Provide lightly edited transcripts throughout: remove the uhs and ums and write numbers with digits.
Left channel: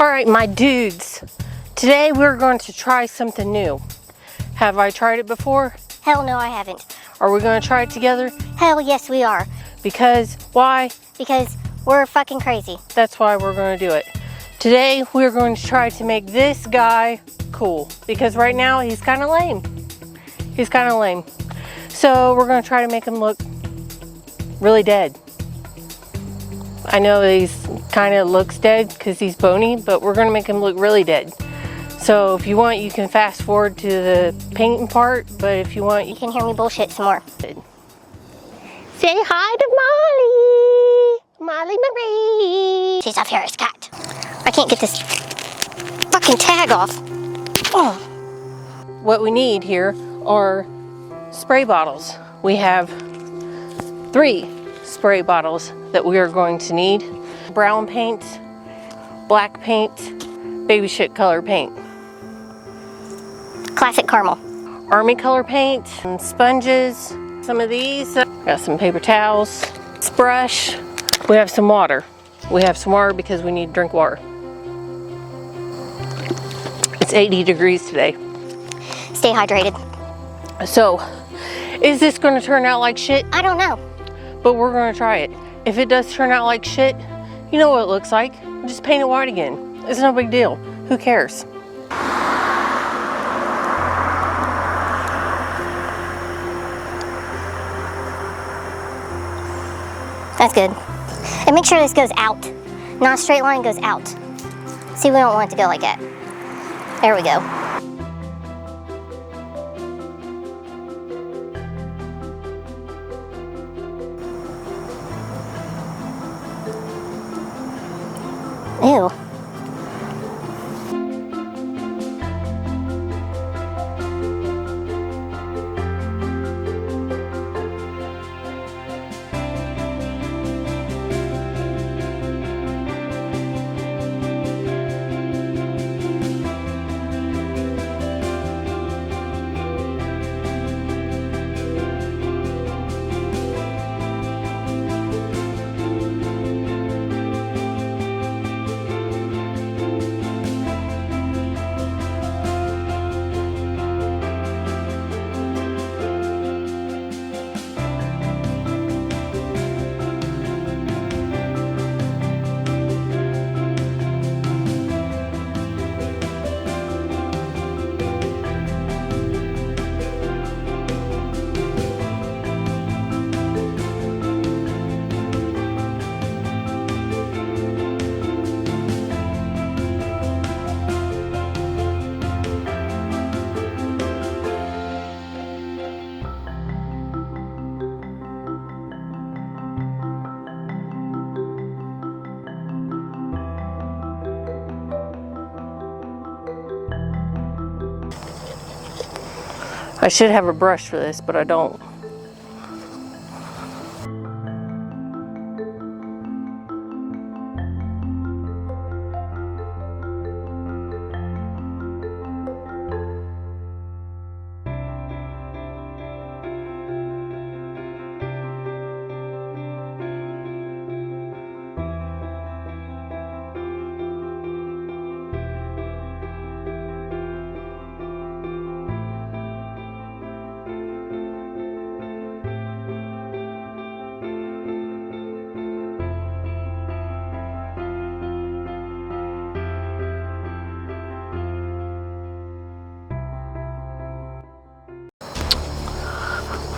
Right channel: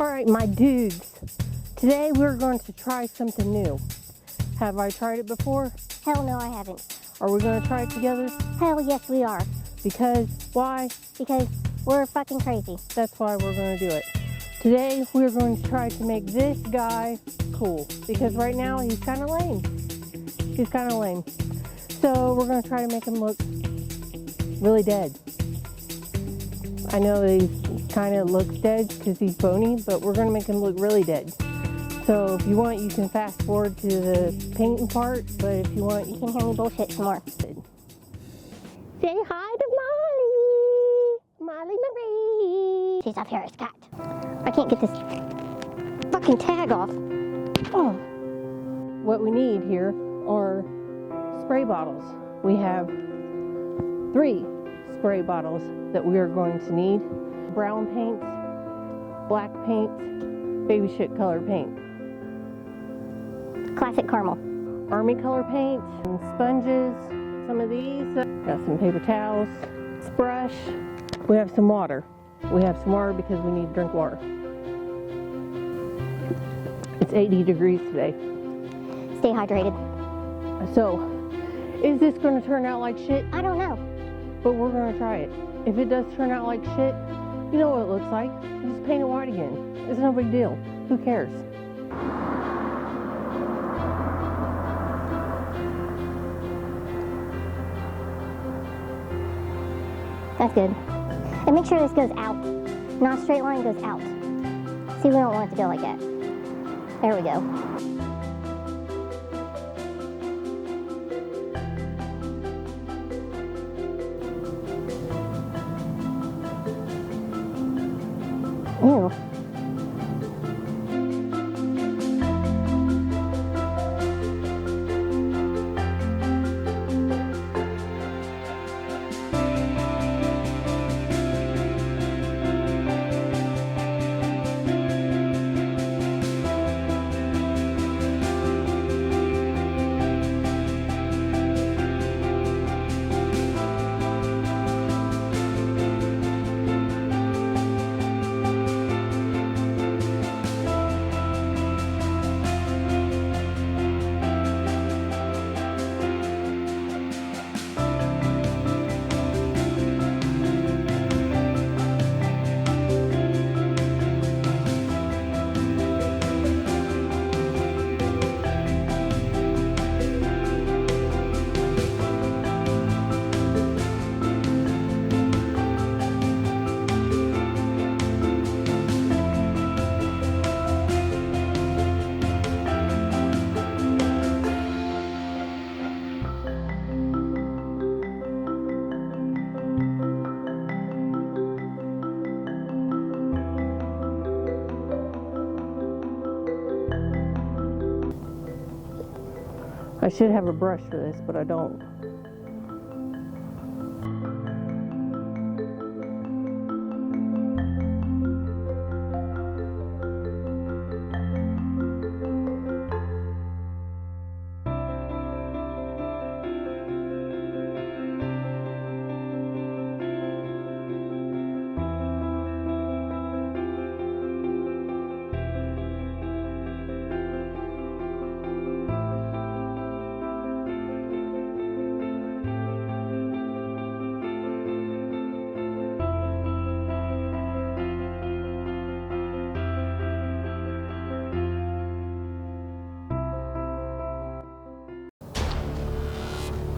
All right, my dudes, today we're going to try something new. Have I tried it before? Hell no, I haven't. Are we going to try it together? Hell yes, we are. Because, why? Because we're fucking crazy. That's why we're going to do it. Today, we're going to try to make this guy cool. Because right now, he's kind of lame. He's kind of lame. So, we're going to try to make him look really dead. I know he's kind of looks dead because he's bony, but we're going to make him look really dead. So, if you want, you can fast forward to the painting part, but if you want, You can hear me bullshit some more. Say hi to Molly Marie. She's off here, Scott. I can't get this fucking tag off. Oh. What we need here are spray bottles. We have 3 spray bottles that we are going to need. Brown paint, black paint, baby shit color paint. Classic caramel. Army color paint, and sponges, some of these. Got some paper towels, brush. We have some water. We have some water because we need to drink water. It's 80 degrees today. Stay hydrated. So, is this going to turn out like shit? I don't know. But we're going to try it. If it does turn out like shit, you know what it looks like. Just paint it white again. It's no big deal. Who cares? That's good. And make sure this goes out. Not a straight line, goes out. See, we don't want it to go like that. There we go. Ew. I should have a brush for this, but I don't.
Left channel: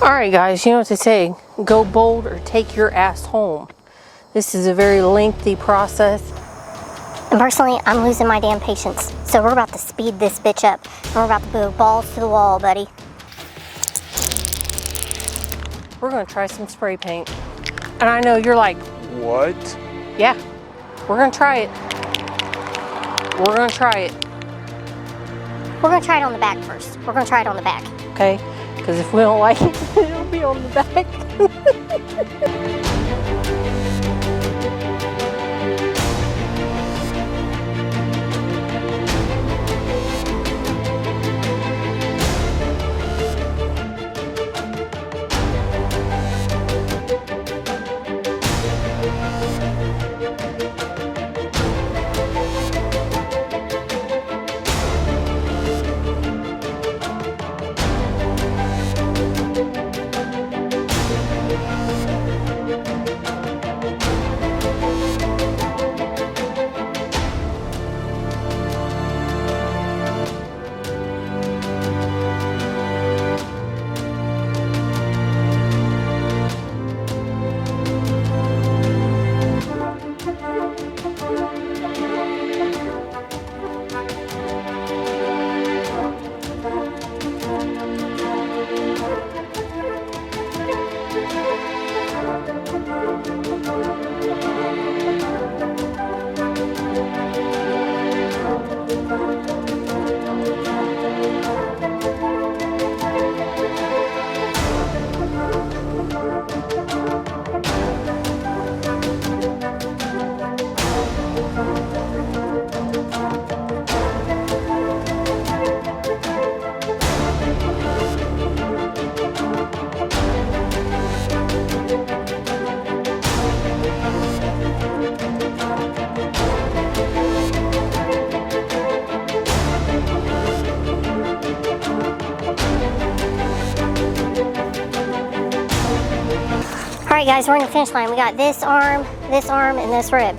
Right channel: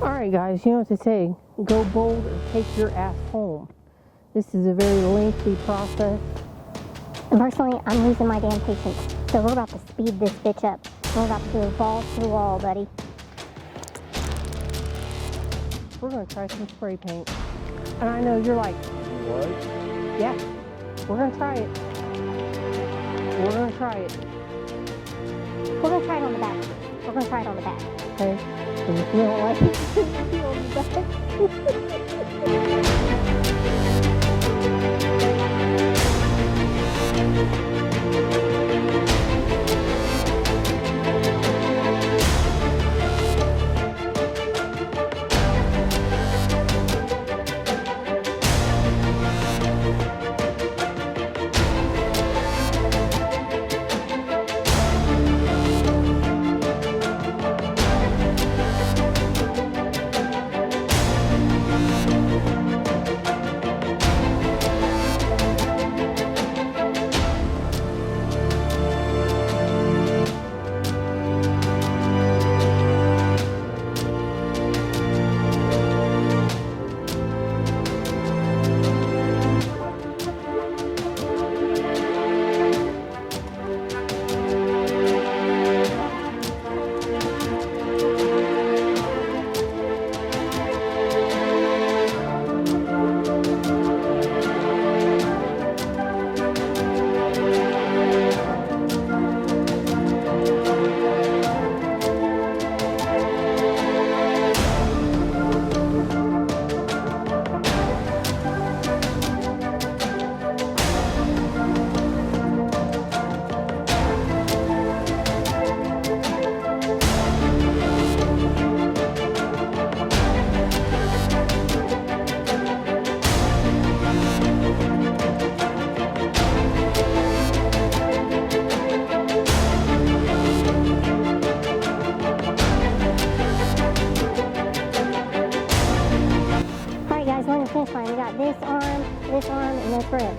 All right, guys, you know what to say. Go bold or take your ass home. This is a very lengthy process. And personally, I'm losing my damn patience. So we're about to speed this bitch up. We're about to go balls to the wall, buddy. We're gonna try some spray paint. And I know you're like, What? yeah, we're gonna try it. We're gonna try it, We're gonna try it on the back first. We're gonna try it on the back. okay? Because if we don't like it, it'll be on the back. Guys, we're on the finish line. We got this arm, and this rib.